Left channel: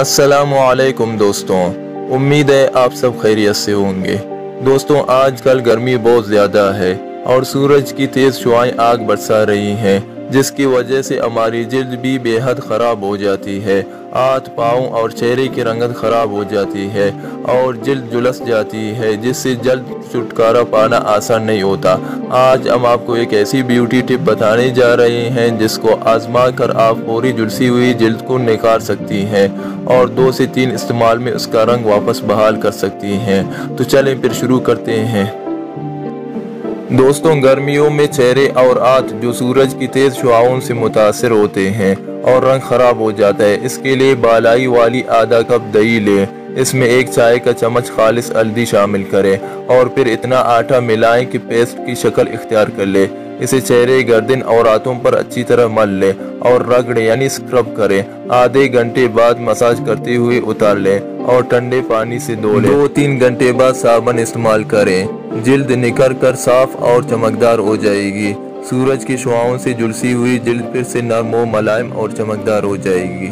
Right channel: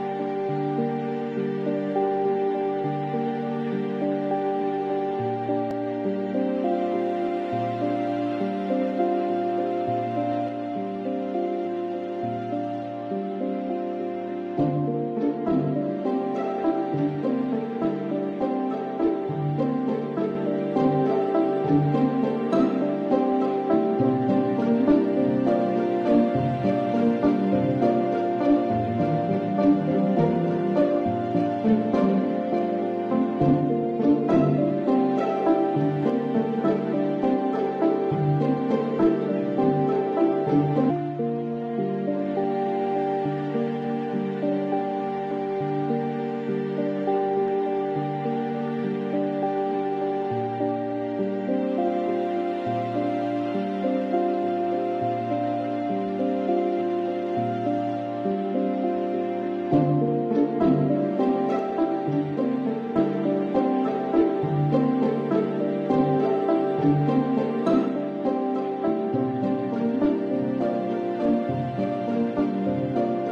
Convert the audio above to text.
السلام علیکم دوستوں، امید ہے آپ سب خیریت سے ہوں گے۔ دوستوں، آج کل گرمی بہت زیادہ ہے اور سورج کی تیز شعاعیں آگ برسا رہی ہیں، جس کی وجہ سے ہماری جلد بھی بے حد خراب ہو جاتی ہے۔ ہاتھ، پاؤں اور چہرے کی رنگت خراب ہو جاتی ہے اور جلد جھلس جاتی ہے، جس سے جلد چھٹکارا پانا آسان نہیں ہوتا۔ آج ہم آپ کو ایک ایسی بیوٹی ٹپ بتانے جا رہے ہیں جس کو آزما کر آپ پوری جھلسی ہوئی جلد کو نکھار سکتی ہیں اور 2 سے 3 استعمال میں اس کا رنگ واپس بحال کر سکتی ہیں۔ تو چلیں پھر شروع کرتے ہیں۔ دوستوں، گرمیوں میں چہرے اور ہاتھ جو سورج کی تیز شعاعوں سے متاثر ہوتے ہیں اور رنگ خراب ہو جاتا ہے، اس کے لیے بالائی والی آدھا کپ دہی لیں۔ اس میں 1 چائے کا چمچ خالص ہلدی شامل کریں اور پھر اتنا آٹا ملائیں کہ پیسٹ کی شکل اختیار کر لے۔ اسے چہرے، گردن اور ہاتھوں پر اچھی طرح مل لیں اور رگڑیں یعنی اسکرب کریں۔ آدھے گھنٹے بعد مساج کرتے ہوئے اتار لیں اور ٹھنڈے پانی سے دھو لیں۔ 2-3 گھنٹے بعد صابن استعمال کریں۔ جلد نکھر کر صاف اور چمکدار ہو جائے گی۔ سورج کی شعاعوں سے جھلسی ہوئی جلد پھر سے نرم و ملائم اور چمکدار ہو جائے گی۔